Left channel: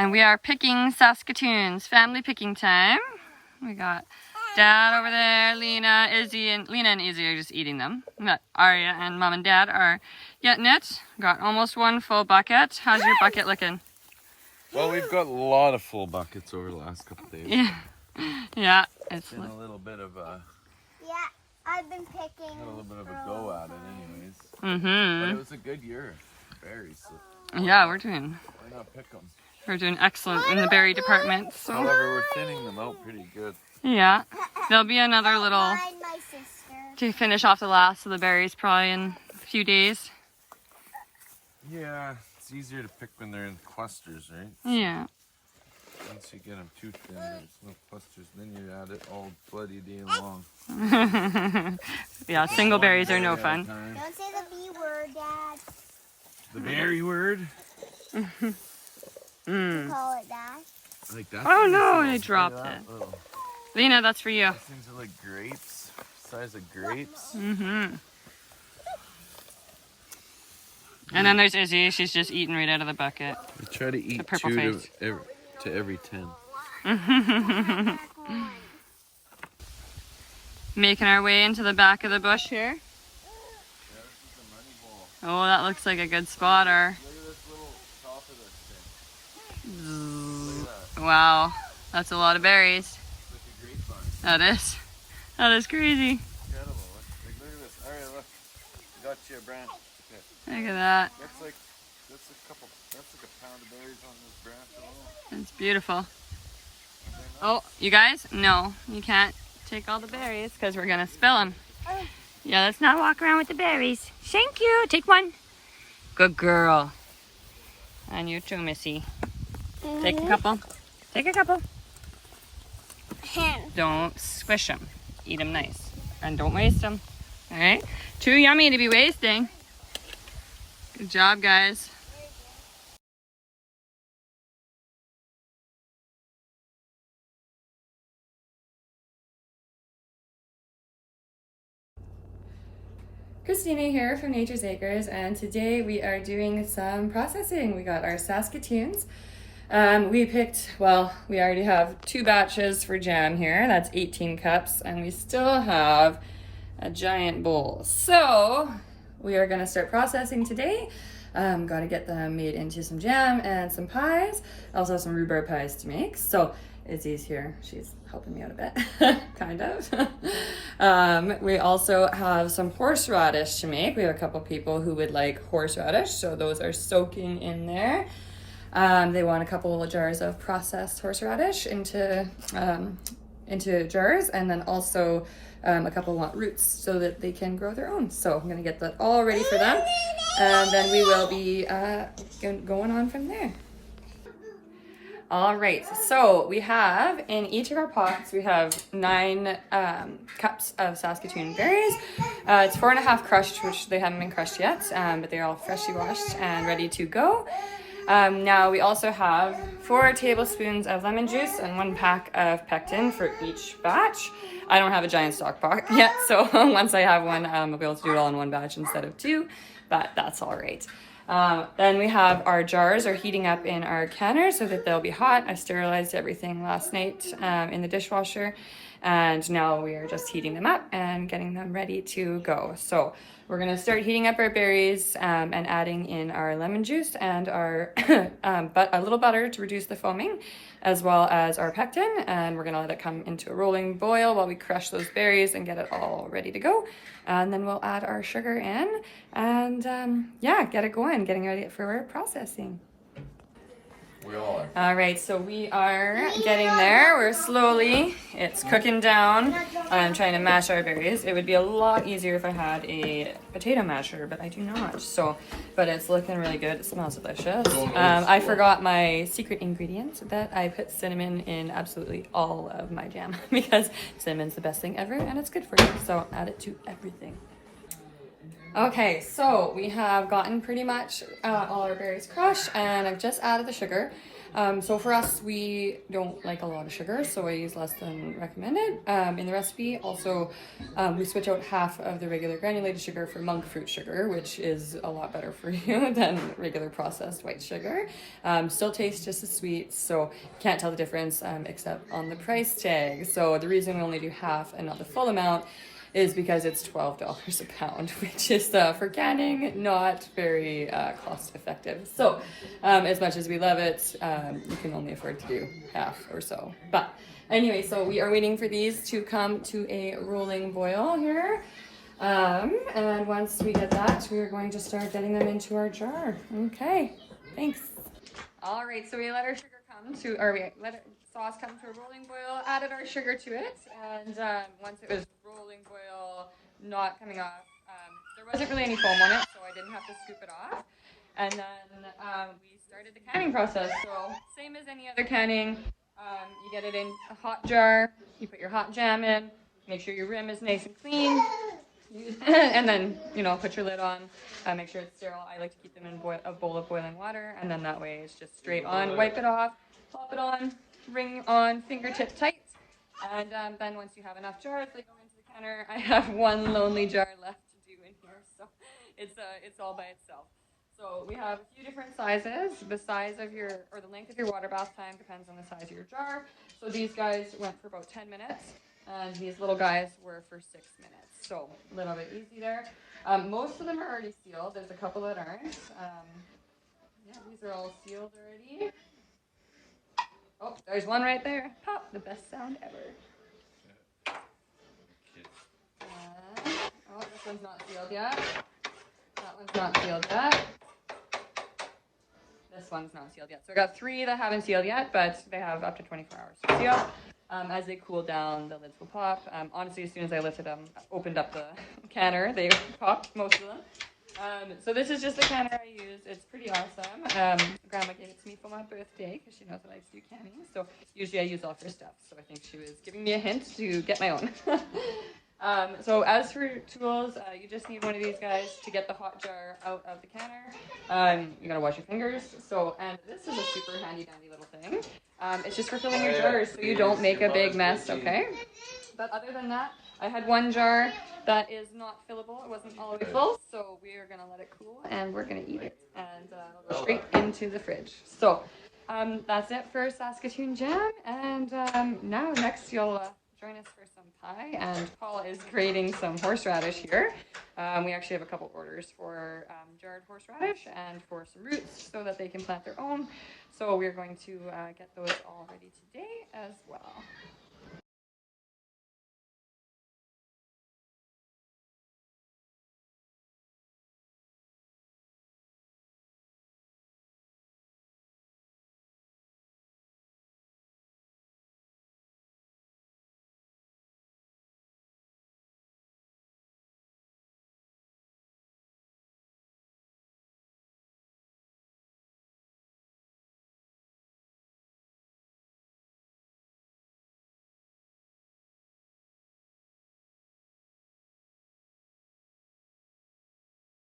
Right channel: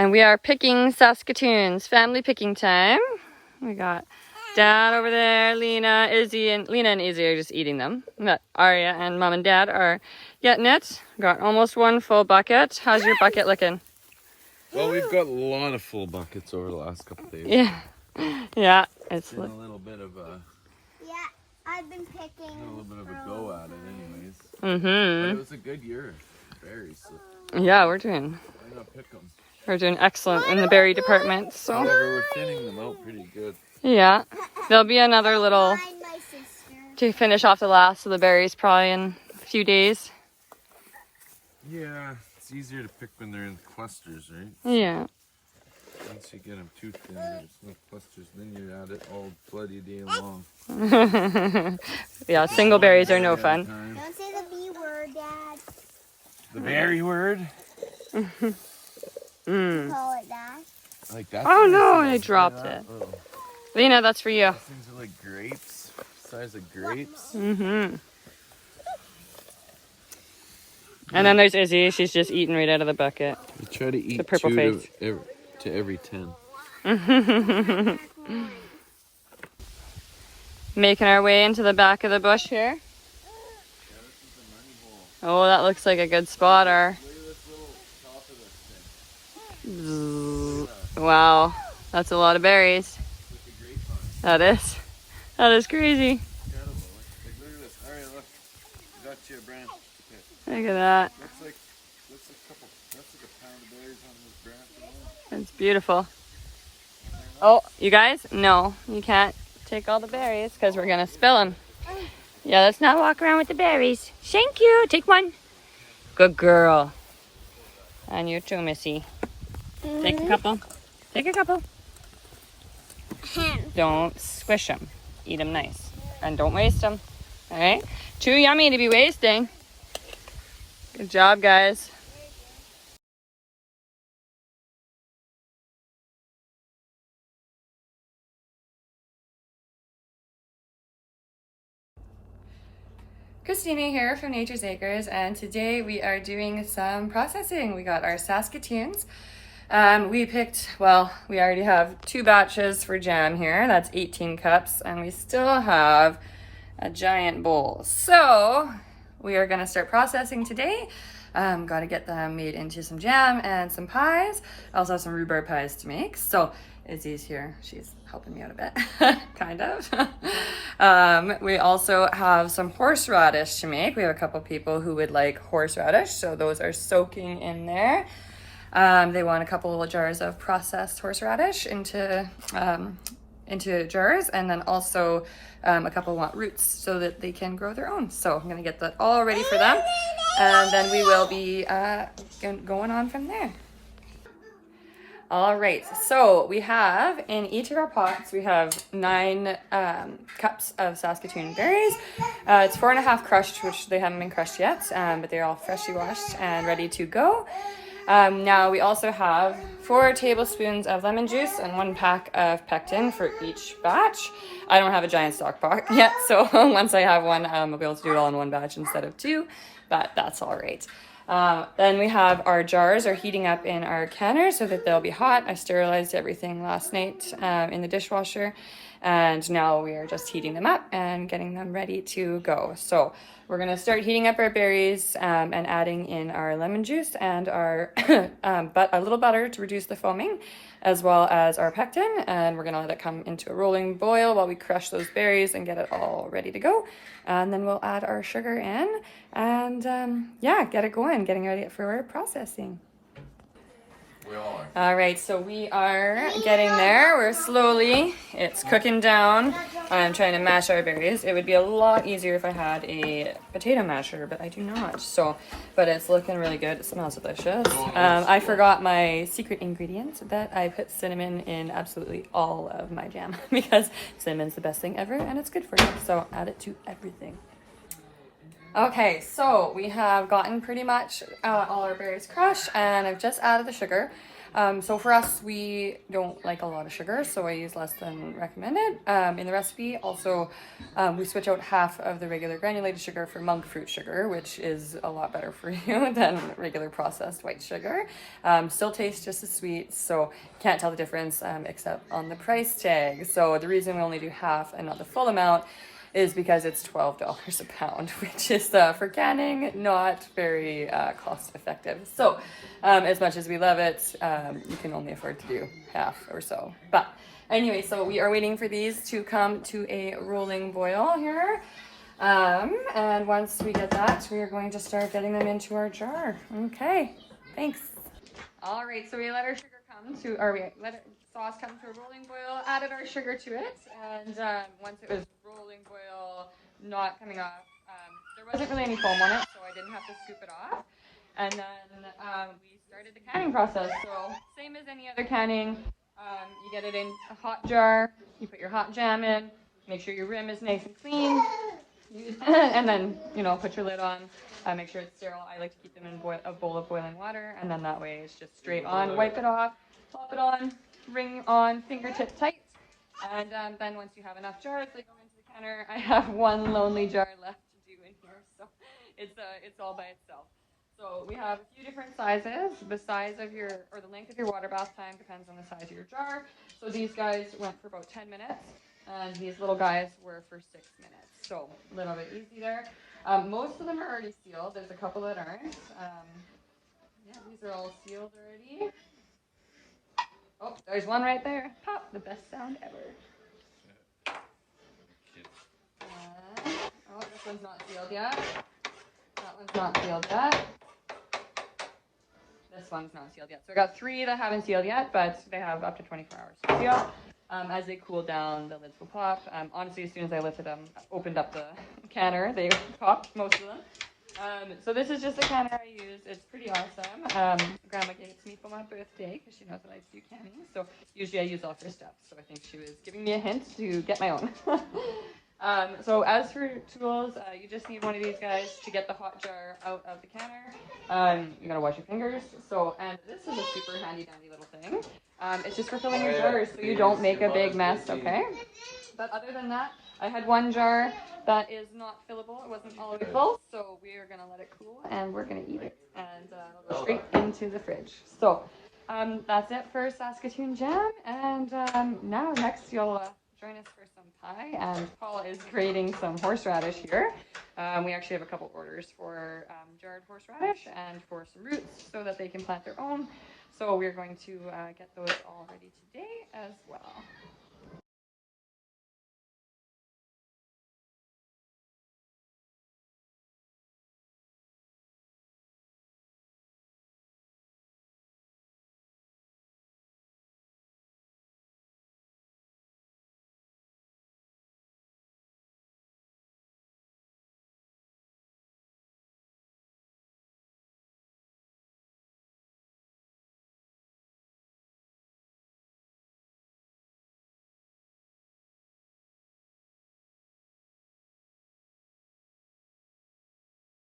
And we are picking Saskatoons. Family picking time. We got Dad over there, Lena, Izzy, and Lena and Izzy are just eating them. But Arya and Mom and Dad are getting it. Got almost one full bucket. How's your bucket looking? Well, we've got a lot of full buckets over the last couple of days. Yeah. Yeah. It's been a little bit of a... Yeah, I've been picking a little bit of a go at it anyways. Mm-hmm. But it's a good year. Berries. So yeah, we're doing excellent in the berry department. So. However, we're thinning them out pretty good. Yeah. There'll be another little to finish off the last of the berries probably in a few days. Yeah, it's easier to pick when they're in clusters, right? Yeah. Once you get them too thin, there's no clusters, then you're at it all bloody day long. Yeah, single berries are no fun. Don't say the B word, Dad. The berry word? You call it that? Like that? Oh no, I dropped it. Oh. Lena, that's for you. These things are like grapes, size of grapes. Mm-hmm. And then there's Izzy. She's just eating right out of the bucket. We try to eat the purple 2 face. to every 10. Making our way into the back of the bush here. Yeah, this is the money hole. Oh, that looks like a good spotter. Look at this little top of this thing. Look at that. Wow, that's a lot of berries. It's like a grapevine. That is crazy. Incredible. Look at this. All right, look. Got you a branch. Here. Look at that. That's like a pound of berries on this branch alone. It's beautiful. Oh, you guys? No, you can't take all the berries because we're going to spill them. Yeah, let's not walk around with the berries. Thank you. Take one. Good girl. And you too, Missy. Take a couple. Take a couple. Don't squish them. Eat them nice. And don't waste them. All right? Too yummy to be wasting. Good job, guys. Christina here from Nature's Acres, and today we are doing some processing. We got our Saskatoons. We picked, well, we already have 2 batches for jam here. That's 18 cups, and we still have a giant bowl. So we are gonna start processing today. Got to get them made into some jam and some pies. I also have some rhubarb pies to make. So Izzy's here. She's helping me out a bit, kind of. We also have some horseradish to make. We have a couple people who would like horseradish, so those are soaking in there. They want a couple of jars of processed horseradish into jars, and then also a couple want roots so that they can grow their own. So I'm gonna get that all ready for them, and then we will be going on from there. All right, so we have in each of our pots, we have 9 cups of Saskatoon berries. It's 4.5 crushed, which they haven't been crushed yet, but they're all freshly washed and ready to go. Now we also have 4 tablespoons of lemon juice and 1 pack of pectin for each batch. I don't have a giant stock pot yet, so once I have one, I'll be able to do it all in 1 batch instead of 2, but that's all right. Then we have our jars are heating up in our canner so that they'll be hot. I sterilized everything last night in the dishwasher, and now we are just heating them up and getting them ready to go. So we're gonna start heating up our berries and adding in our lemon juice and our a little butter to reduce the foaming, as well as our pectin, and we're gonna let it come into a rolling boil while we crush those berries and get it all ready to go. And then we'll add our sugar in and yeah, get it going, getting ready for our processing. We are. All right, so we are getting there. We're slowly, it's cooking down. I'm trying to mash our berries. It would be a lot easier if I had a potato masher, but I do not. So, but it's looking really good. It smells delicious. I forgot my secret ingredient that I put cinnamon in absolutely all of my jam because cinnamon's the best thing ever and it's good for you. So add it to everything. Okay, so we have gotten pretty much all our berries crushed, and I've just added the sugar. So for us, we don't like a lot of sugar, so I use less than recommended. In the recipe, also, we switch out half of the regular granulated sugar for monk fruit sugar, which is a lot better for you than regular processed white sugar. Still tastes just as sweet, so can't tell the difference except on the price tag. So the reason we only do half and not the full amount is because it's $12 a pound, which is for canning not very cost effective. So as much as we love it, you can only afford to do half or so. But anyway, so we are waiting for these to come to a rolling boil here. And once we get that, we are going to start getting them into our jar. Okay, thanks. All right, so we let our sugar come to, or we let it, sauce come to a rolling boil, added our sugar to it, and once it was rolling boil, not coming off, there wasn't really any foam on it, so I didn't have to scoop it off. And then we started the canning process. So same as any other canning, you get it in a hot jar, you put your hot jam in, make sure your rim is nice and clean, and then, you know, put your lid on, make sure it's sterile. I like to keep them in a bowl of boiling water, and then that way it's just straight on. Wipe it off, pop it on, ring on fingertip tight, and then once you have enough jars, they go into the canner. I have one lonely jar left to do in here, so it's all by itself. So we have a few different sizes. The size of your, or the length of your water bath time depends on the size of your jar. So these guys went for about 10 minutes, and these little guys were for 6 minutes. So a little bit easy there. Most of them are already sealed. There's a couple that aren't. Yeah, these are all sealed already. Oh, there's one right there. Pop, the best sound ever. Oh, this one's not sealed yet. That one's not sealed yet. This one's not sealed yet. So I got 3 that haven't sealed yet, but they have up to 24 hours to seal. As they cool down, the lids will pop. Honestly, as soon as I lifted them, opened up the canner, they popped, most of them. So this is just the canner I use. It's pretty awesome. Grandma gave it to me for my birthday because she knows I like to do canning. So usually I use all of her stuff. So I think she was giving me a hint to get my own. So as for tools, you just need one of these guys to get the hot jar out of the canner. You gotta wash your fingers. So, and this is a super handy dandy little thing. It's just for filling your jars so you don't make a big mess, okay? But other than that, I had one jar that is not fillable. It wasn't all the way full, so we are gonna let it cool and we're gonna eat it. And it'll go straight into the fridge. So that's it for Saskatoon jam. And now next you'll join us for some pie, and Paul is grating some horseradish here. We actually have a couple orders for jarred horseradish and for some roots so that they can plant their own. So we're going to get those all ready today as well.